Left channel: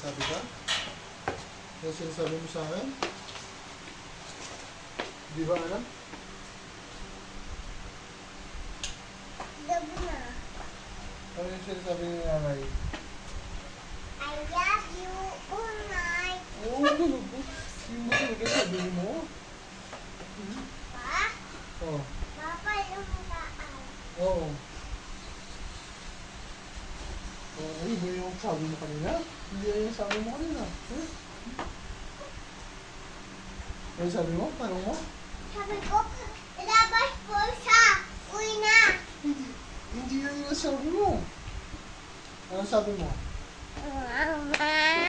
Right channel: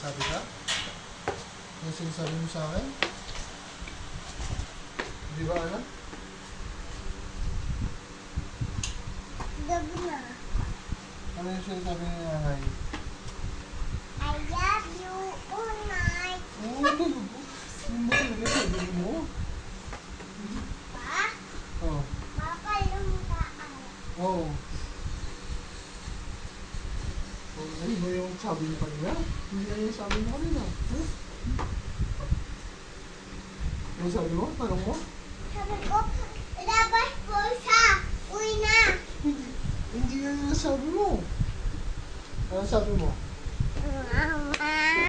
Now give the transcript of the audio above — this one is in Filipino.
sinasabi ka? May sinasabi mo sa akin? Di ba alam? Gabi na. Ano yung sinasabi ni nanay? I love you, Unay. Oo, talaga. Hindi mo talaga sabi mo. Pa? Oo. Papa, lumakaan. Oo. Ay, mo yung sabi mo kanina? Hindi yan yung sabi mo kanina. Huh? Ano yung sabi mo? Tanong mo? Sabi ko, ilabas po siya. Uwi na. Hindi yan yung sabi mo. Ano sabi mo?